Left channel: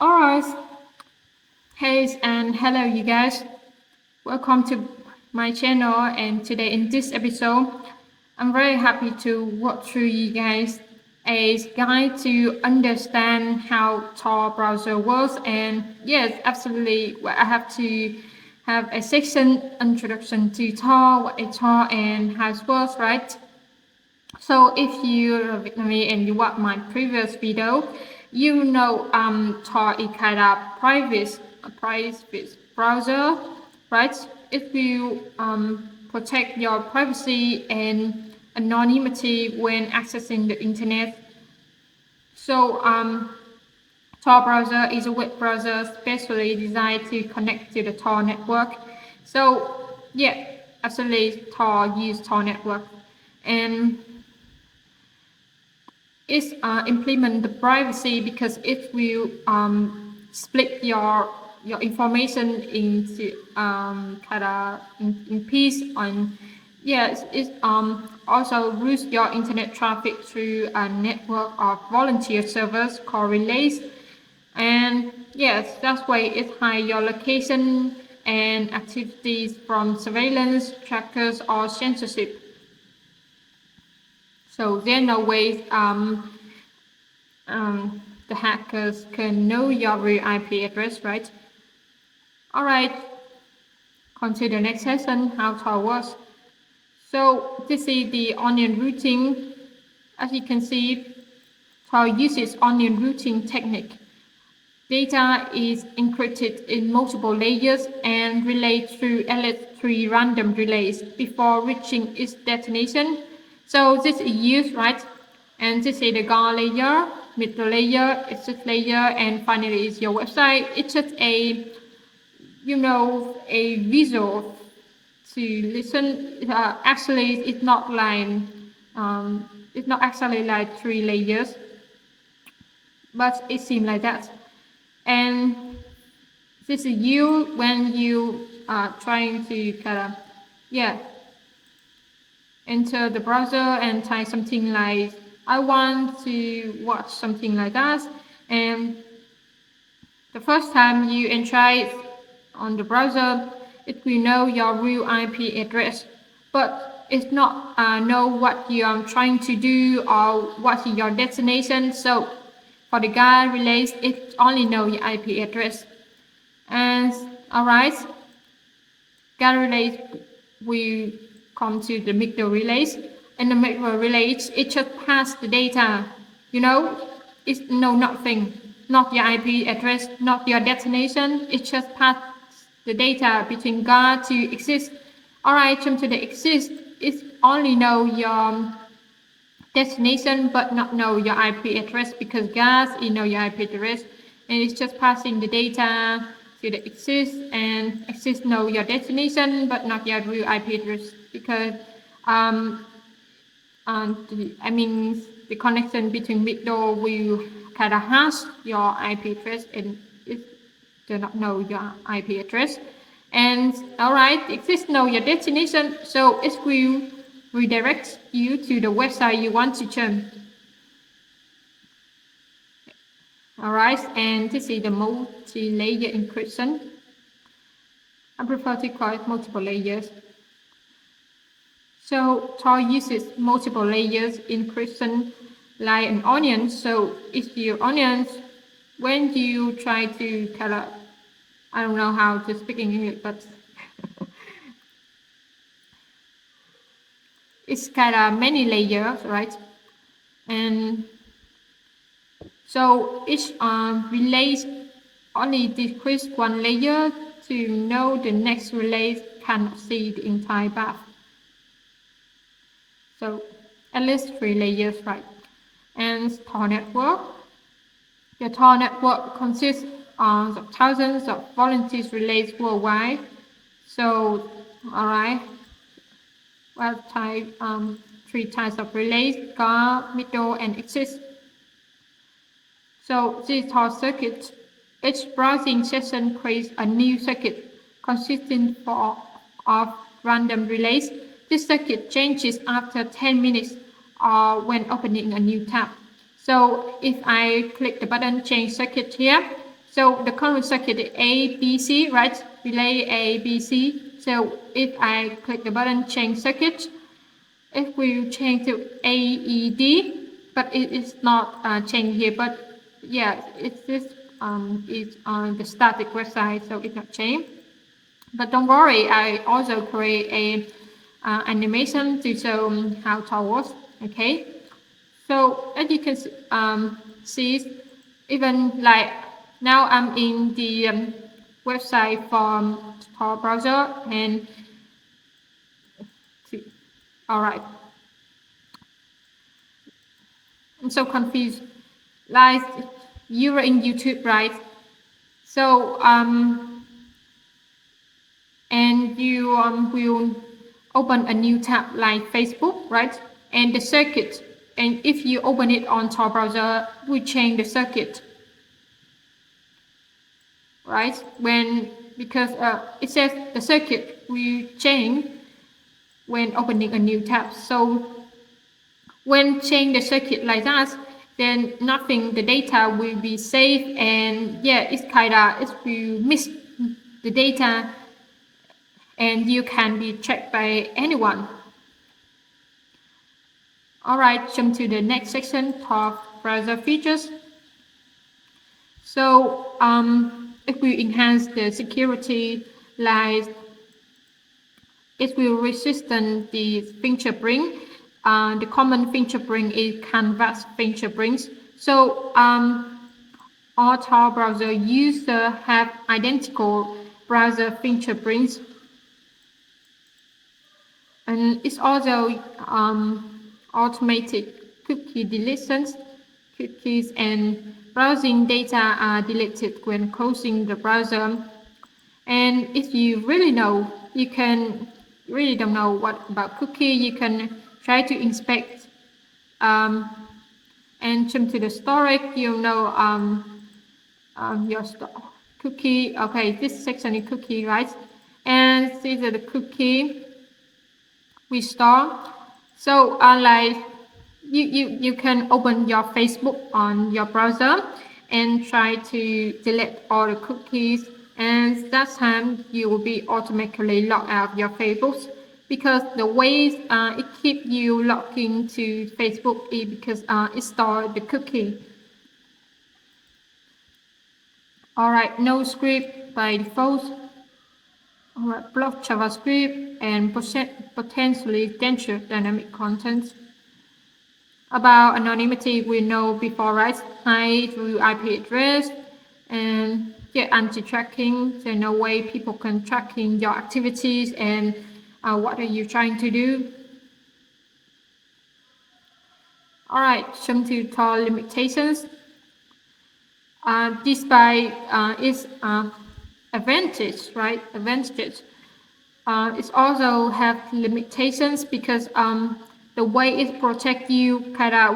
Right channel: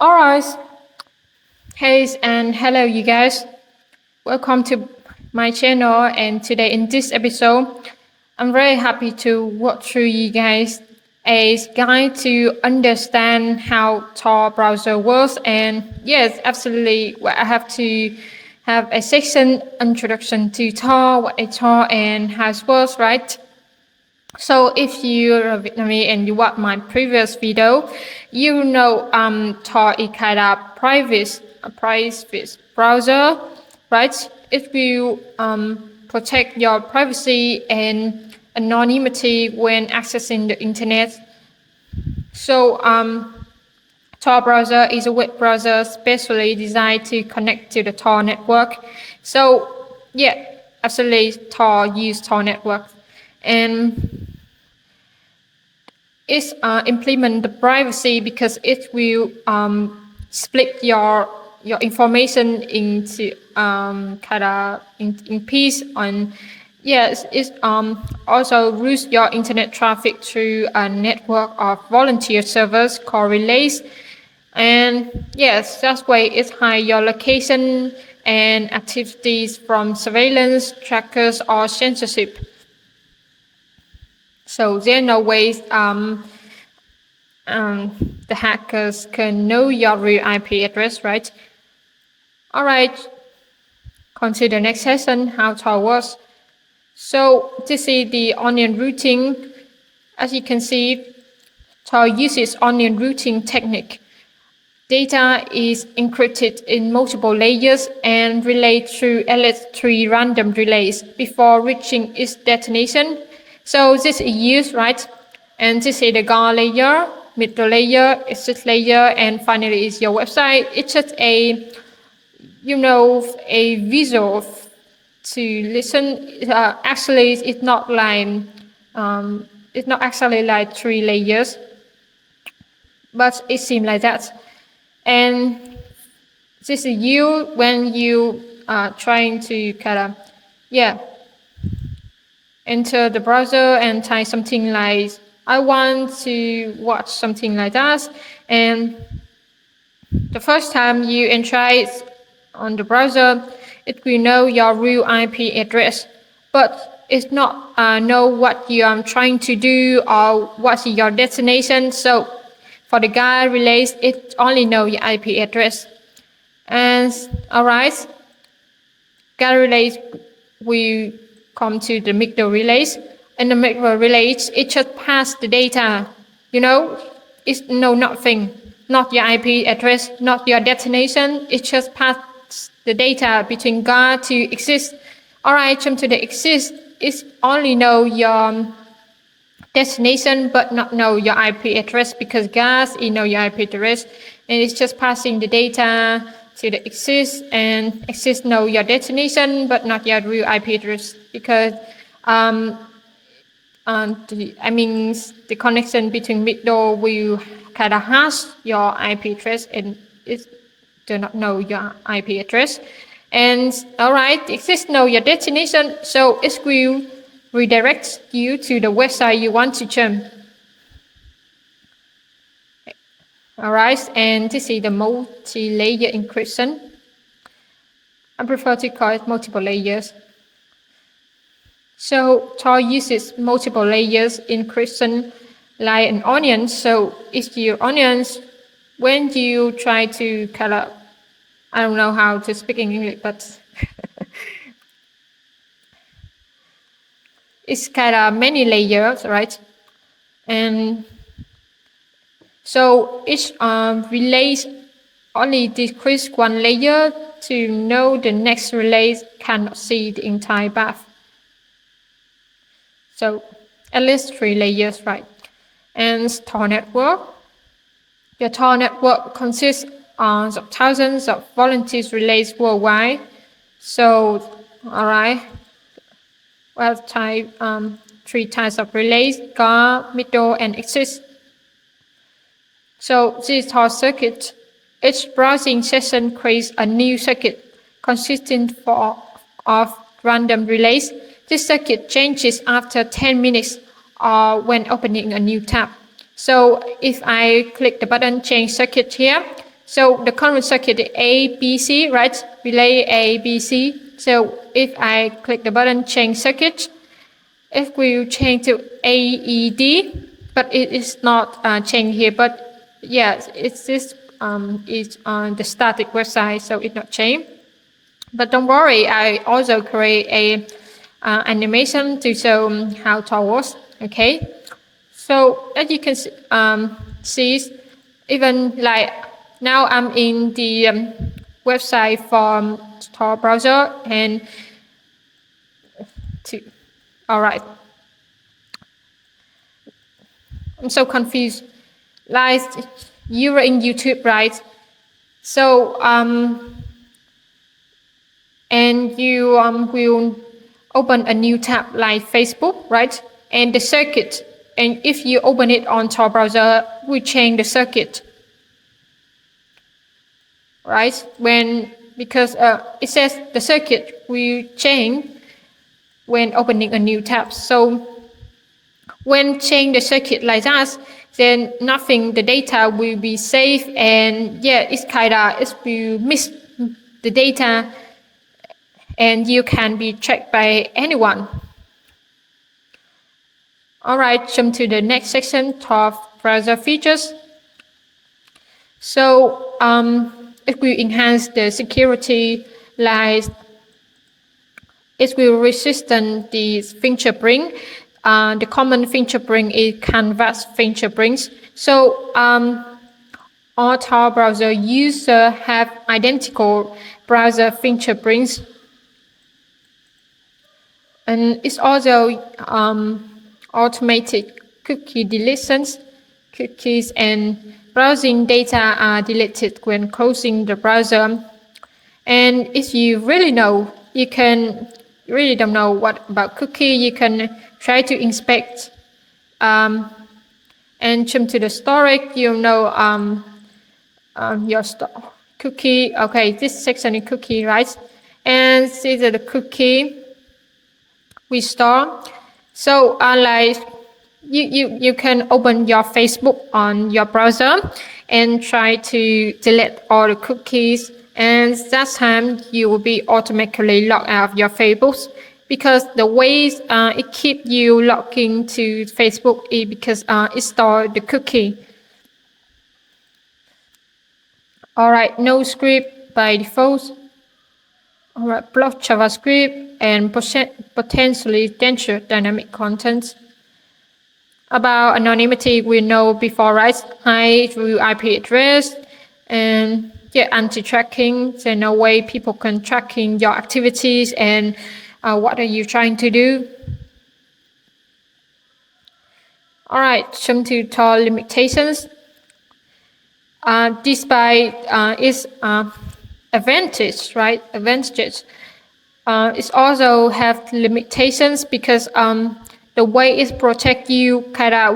All right. Hey and hello, you guys. Welcome to my channel. And today in this episode, I'm very happy to walk through you guys a guide to understand how Tor browser works. And yes, absolutely, I have to have a section introduction to Tor, what a Tor and how it works, right? So if you're a Vietnamese and you watch my previous video, you know Tor is kind of private browser, right? It will protect your privacy and anonymity when accessing the internet. So Tor browser is a web browser specially designed to connect to the Tor network. So yeah, absolutely Tor use Tor network. And it's implement the privacy because it will split your information into kind of in piece. And yes, it also routes your internet traffic through a network of volunteer servers called relays. And yes, that way it hide your location and activities from surveillance, trackers, or censorship. So there are no ways the hackers can know your real IP address, right? All right, consider next session how Tor works. So this is the onion routing. As you can see, Tor uses onion routing technique. Data is encrypted in multiple layers and relayed through LS3 random relays before reaching its destination. So this is used, right? And this is the GAR layer, middle layer, exit layer, and finally is your website. It's just a visual to listen. Actually, it's not actually like 3 layers, but it seems like that. And this is you when you are trying to enter the browser and type something like, I want to watch something like that. And the first time you enter it on the browser, it will know your real IP address, but it's not know what you are trying to do or what's your destination. So for the GAR relays, it only know your IP address. And all right, GAR relays will come to the middle relays. And the middle relays, it just pass the data. It's no nothing, not your IP address, not your destination. It just pass the data between GAR to exist. All right, jump to the exist. It's only know your destination but not know your IP address because GAS is know your IP address, and it's just passing the data to the exist, and exist know your destination but not your real IP address because the connection between middle will kind of hash your IP address and it do not know your IP address. And all right, exist know your destination, so it will redirect you to the website you want to jump. All right, and this is the multi-layer encryption. I prefer to call it multiple layers. So Tor uses multiple layers encryption like an onion. So it's your onions when you try to I don't know how to speak in English, but it's kind of many layers, right? And so each relays only decrease one layer to know the next relay cannot see the entire path. So at least 3 layers, right? And Tor network. Your Tor network consists of thousands of volunteer relays worldwide. So, all right, well, type 3 types of relays: GAR, middle, and exist. So this is Tor circuit. Each browsing session creates a new circuit consisting of random relays. This circuit changes after 10 minutes or when opening a new tab. So if I click the button change circuit here, So the current circuit is A, B, C, right? Relay A, B, C. So if I click the button change circuit, it will change to AED, but it is not changed here. But yes, it's this is on the static website, so it's not changed. But don't worry, I also create a animation to show how Tor works. Okay, so as you can see, even like now I'm in the website from Tor browser and all right. I'm so confused. Like you were in YouTube, right? So and you will open a new tab like Facebook, right? And the circuit, and if you open it on Tor browser, we change the circuit, right? Because it says the circuit will change when opening a new tab. So when change the circuit like that, then nothing, the data will be safe, and yeah, it will miss the data, and you can be tracked by anyone. All right, jump to the next section, Tor browser features. So it will enhance the security, like it will resist the fingerprint. The common fingerprint is canvas fingerprints. So all Tor browser users have identical browser fingerprints. And it's also automated cookie deletions. Cookies and browsing data are deleted when closing the browser. And if you really don't know what about cookie, you can try to inspect and jump to the storage. Your cookie. Okay, this section is cookie, right? And see the cookie we store. So like you can open your Facebook on your browser and try to delete all the cookies, and that time you will be automatically logged out of your Facebook, because the ways it keep you logged into Facebook is because it stores the cookie. All right, no script by default. All right, block JavaScript and potentially dangerous dynamic content. About anonymity, we know before, right? Hide through IP address and anti-tracking. There's no way people can tracking your activities and what are you trying to do. All right, jump to Tor limitations. Despite its advantage, right? Advantages. It also have limitations because the way it protects you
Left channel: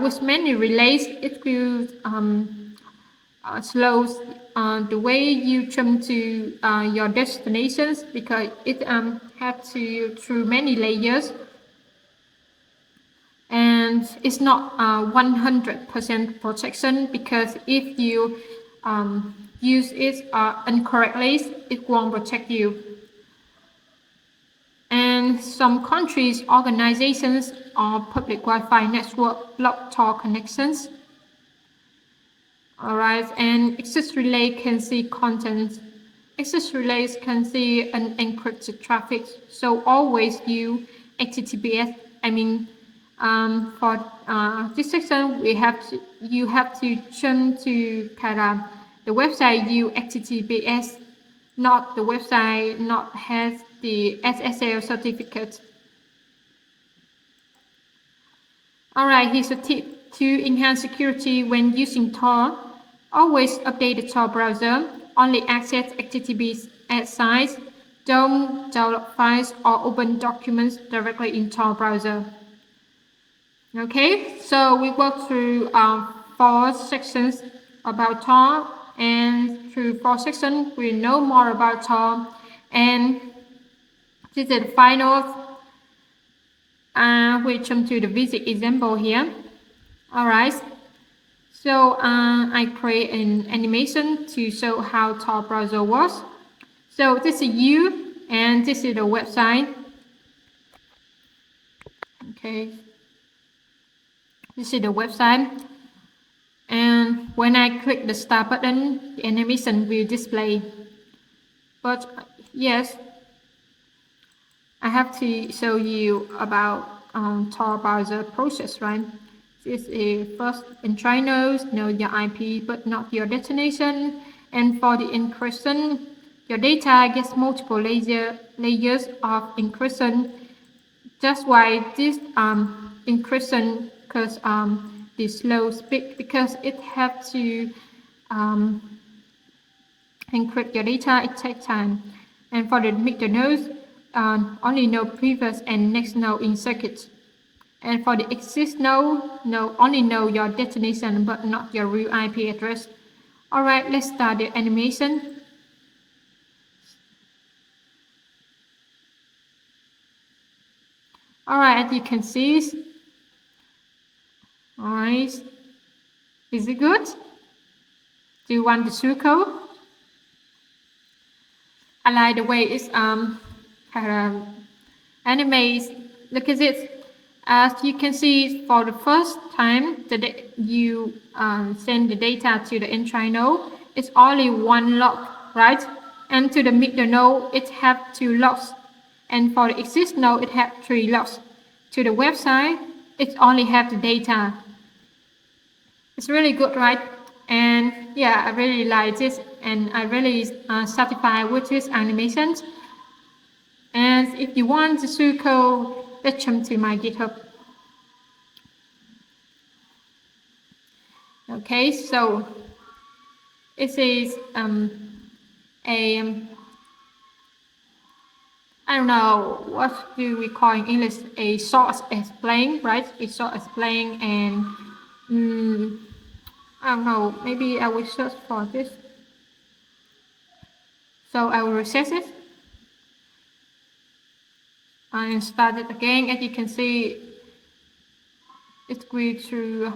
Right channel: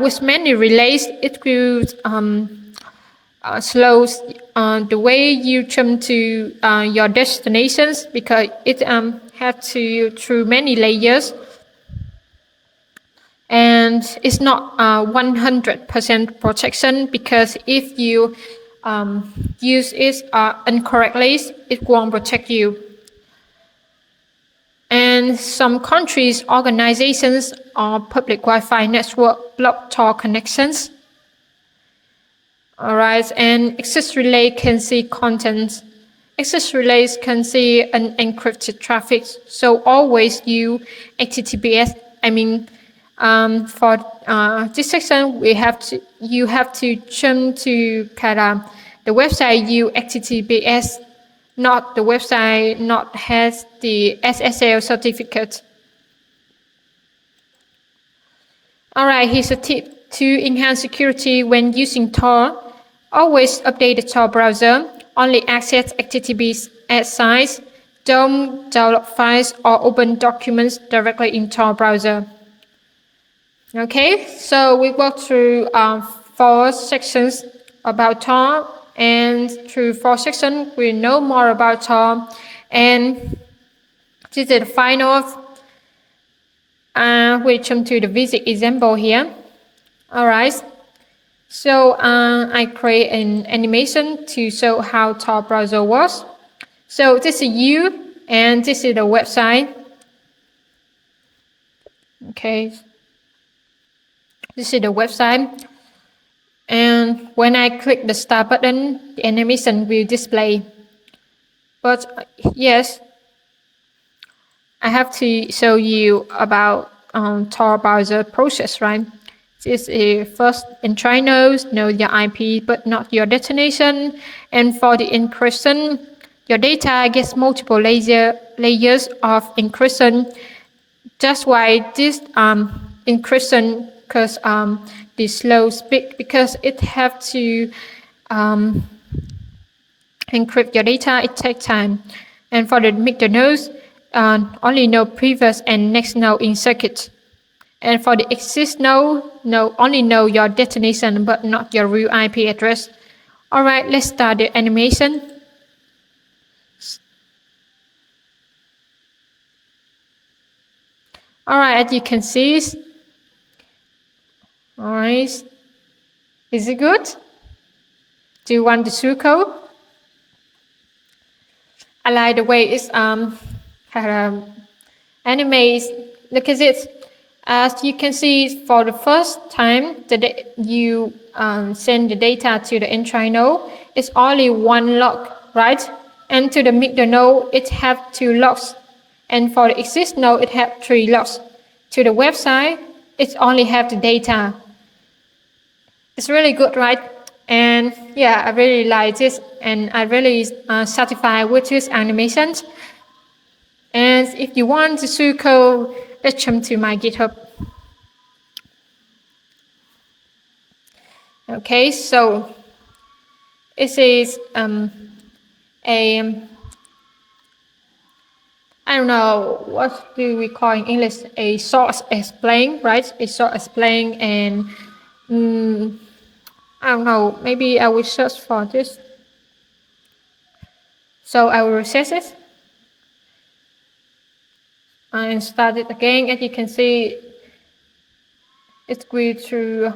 with many relays, it will slows the way you jump to your destinations, because it has to through many layers, and it's not 100% protection, because if you use it incorrectly, it won't protect you. And some countries, organizations, or public Wi-Fi network block Tor connections. All right, and access relay can see content. Access relays can see unencrypted traffic. So always use HTTPS. For this section, you have to jump to the website use HTTPS, not the website not has the SSL certificate. All right, here's a tip to enhance security when using Tor. Always update the Tor browser. Only access HTTPS sites. Don't download files or open documents directly in Tor browser. Okay, so we walked through 4 sections about Tor, and through 4 sections we know more about Tor. And this is the final. We jump to the basic example here. All right. So I create an animation to show how Tor browser works. So this is you, and this is the website. Okay, this is the website. And when I click the start button, the animation will display. But yes, I have to show you about Tor browser process, right? This is first entry nodes, know your IP but not your destination. And for the encryption, your data gets multiple layers of encryption. That's why this encryption, because the slow speed, because it have to encrypt your data, it takes time. And for the mixed nodes, only know previous and next node in circuit. And for the exist node, only know your destination but not your real IP address. Alright, let's start the animation. Alright, as you can see, alright, is it good? Do you want the circle? I like the way it's animates. Look at it. As you can see, for the first time you send the data to the entry node, it's only one log, right? And to the middle node, it have 2 logs. And for the exist node, it have 3 logs. To the website, it only have the data. It's really good, right? And yeah, I really like this, and I really satisfied with this animation. And if you want to see code, let's jump to my GitHub. Okay, so it is I don't know, what do we call in English, a source explain, right? A source explain, and I don't know, maybe I will search for this. So I will reset it and start it again. As you can see, it's going to,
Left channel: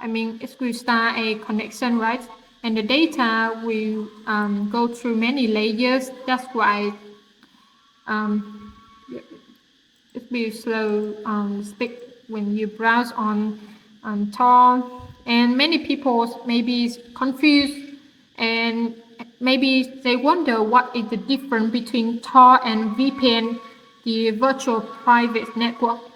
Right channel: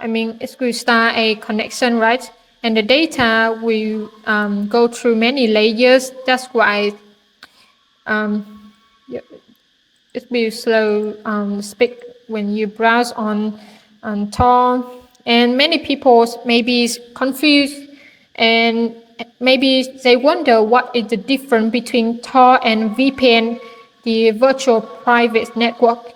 it will start a connection, right? And the data will go through many layers. That's why it will slow speed when you browse on Tor. And many people maybe is confused, and maybe they wonder what is the difference between Tor and VPN, the virtual private network.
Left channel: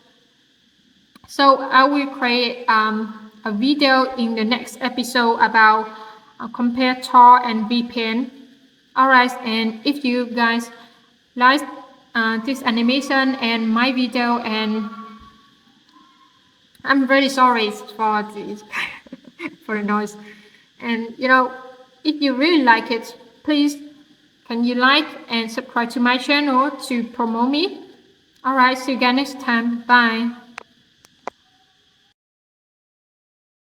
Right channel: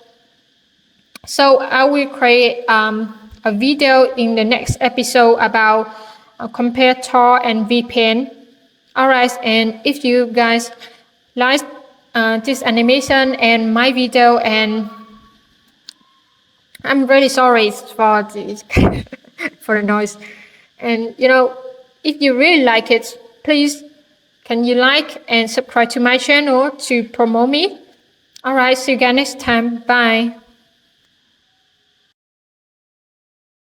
So I will create a video in the next episode about compare Tor and VPN. Alright, and if you guys like this animation and my video, and I'm really sorry for this for the noise. And if you really like it, please can you like and subscribe to my channel to promote me. Alright, see you guys next time. Bye.